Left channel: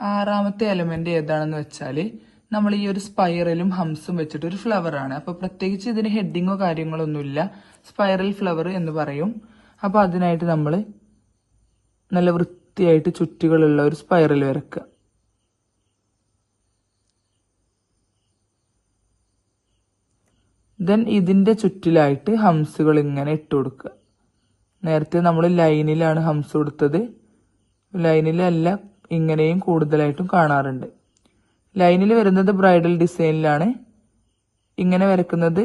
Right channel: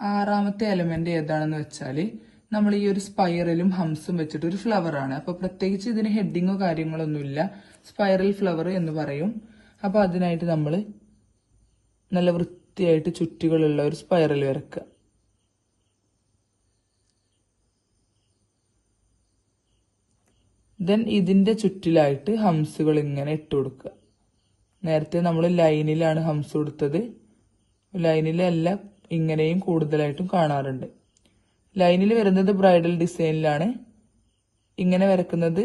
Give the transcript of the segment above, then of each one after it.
ആറാമത്തെ എലമെന്റ് ഏതാണെന്ന് വെച്ചാൽ നമ്മൾ ഈ ഒരു സ്പൈറലും ഹംസും വെച്ചിട്ട് ഒരു ഫ്ലവർ ആണ്. അപ്പൊ പ്രത്യേകിച്ച് ഇതിന് ഹെഡിങ്ങോ കാര്യങ്ങളോ ഒന്നുമില്ല. സ്പൈറൽ ഫ്ലവർ എന്ന് പറയും. അപ്പൊ അതിനായിട്ട് നമ്മൾ നല്ല വൃത്തിയായിട്ട് ചുറ്റുകളുള്ള ഒരു സ്പൈറൽ വരക്കുക. ദെൻ ഇതിന്റെ ചുറ്റിലായിട്ട് ഹംസുകൾ ഇങ്ങനെ ഇട്ട് കൊടുക്കുക. നേരത്തെ നമ്മൾ ലൈനിലാണ് ഹംസ് കൊടുത്തത്. ലൈനിലല്ല, ഇങ്ങനെയും കൂടുതലായിട്ടും കാണാറുണ്ട്. ലൈനിൽ വരുന്നത് ബ്രൈഡൽ ഡിസൈനിലാണ്. ഇങ്ങനെ വരക്കുന്നത്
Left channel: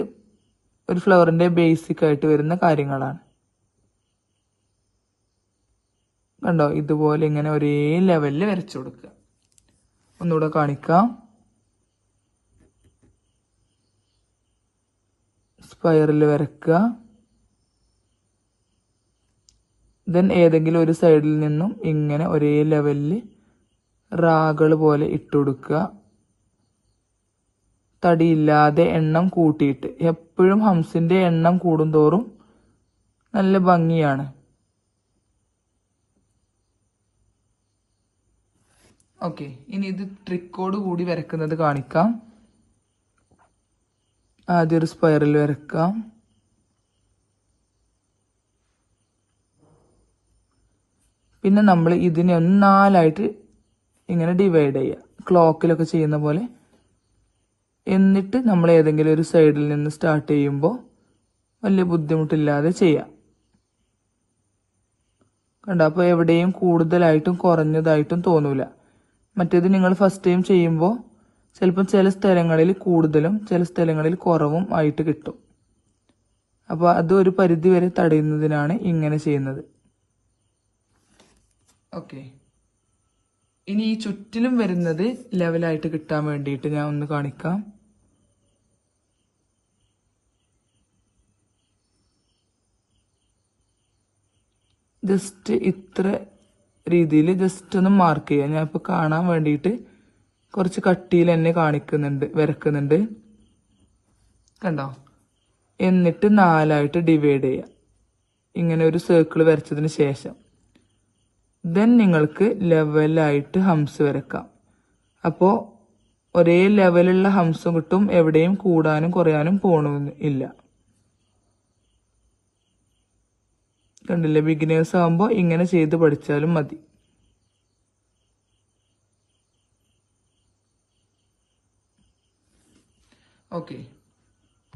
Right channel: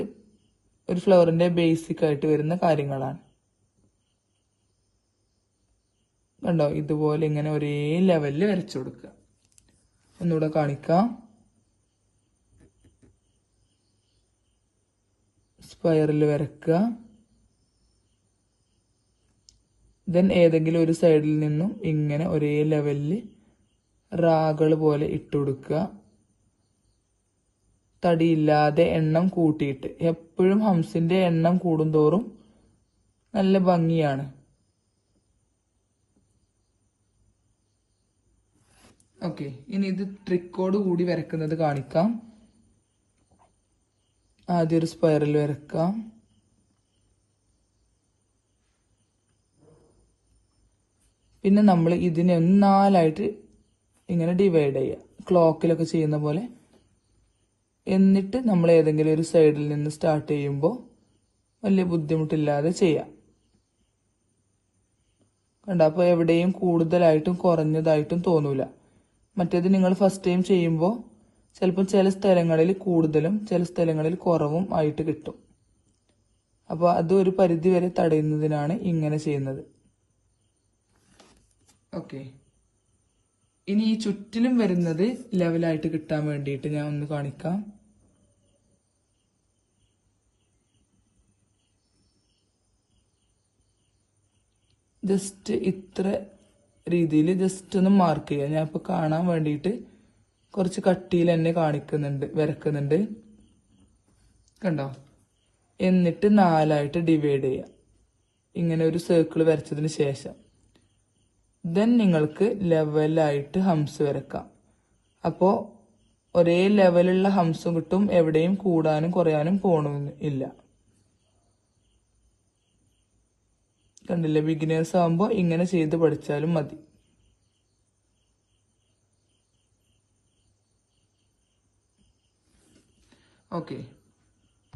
ഒരു ഫ്ലവറിന്റെ ബേസിക് ആയിട്ട് വരുന്ന കാര്യങ്ങളാണ്. കണ്ടോ, ഇതുപോലെ ഇങ്ങനെ ഒരേ ലെവലിൽ വരച്ചു കൊടുക്കുക. ഒന്നുകൂടെ കാണിക്കാം. സ്പൈറൽ വരക്കുക. ദെൻ ഏതെങ്കിലും ഒരു സൈഡിൽ നിന്നും ഇങ്ങനെ ഒരേ ലെവലിൽ റാകൾ പോലെ ഇട്ടുകൊടുക്കുക. തടിയില്ലാതെ എണ്ണം കൂട്ടിയിട്ട്. എപ്പോഴും ഹംസിന്റെ എണ്ണം കൂടുന്തോറും നല്ല ഭംഗിയാണ്. ഓക്കെ, ഇനി ഇത് ട്രിക്കോട് കൂടി വരക്കുന്നത് കാണിക്കാം. ആദ്യം ഒരു സ്പൈറൽ വരക്കാം. പിന്നെ നമ്മൾ ഇതിനെ ഒന്ന് 4 ഇങ്ങനെ ഡിവൈഡ് ചെയ്യുക, ക്ലോക്കിലൊക്കെ ചെയ്യുന്ന പോലെ. എന്നിട്ട് നമ്മൾ ഏതെങ്കിലും ഒരു സൈഡിൽ നിന്ന് സ്റ്റാർട്ട് ചെയ്യുമ്പോൾ വലിയ ബുദ്ധിമുട്ടില്ലാതെ ചെയ്യാം. കണ്ടോ, അപ്പോൾ എവിടെയും കൂടുതലായിട്ടും കുറഞ്ഞതായിട്ടും തോന്നൂല. മറ്റേത് നിങ്ങൾ ഫസ്റ്റ് ടൈം ചെയ്യുമ്പോൾ ചിലപ്പോൾ ചില സ്ഥലങ്ങളിൽ കൂടുതലും ചില സ്ഥലങ്ങളിൽ കുറവും ആയിട്ട് കിട്ടും. അപ്പോൾ അത് ഒരു പരിധി വരെ തടയുന്നതിനാണ് ഇങ്ങനെ ചെയ്യുന്നത്. ഓക്കെ, ഇനി ഈ ചുറ്റിലും വരുന്നത് ലെവലായിട്ട് കിട്ടാൻ വേണ്ടിയിട്ട് ഞാൻ ഒന്ന് കാണിക്കാം. ജസ്റ്റ് ഇത്ര രീതിയിൽ ജസ്റ്റ് ഒന്ന് മാർക്ക് ചെയ്യാം. ഞാൻ ഇപ്പൊ കാണാൻ വേണ്ടിയിട്ട് കുറച്ച് കട്ടിയിൽ എന്നെ വരക്കുന്നുണ്ട്. കണ്ടോ? എന്നിട്ട് 4 ഡിവൈഡ് ചെയ്യാം. ഇങ്ങനെ ഒരു സർക്കിൾ വരച്ചതിന് ശേഷം ദെൻ നിങ്ങൾക്ക് ലെവലായിട്ട് ഹംസ് വരക്കാം. അപ്പോൾ ഒരേ ലെവലുള്ള ഹംസും കിട്ടും. എവിടെയും കൂടാനും കുറയാനും പോകണമെന്നില്ല. കണ്ടില്ലേ? ബിഗിനേഴ്സ് ആകുമ്പോൾ ഇങ്ങനെ ചെയ്ത് പഠിച്ചാലും മതി. ഓക്കെ.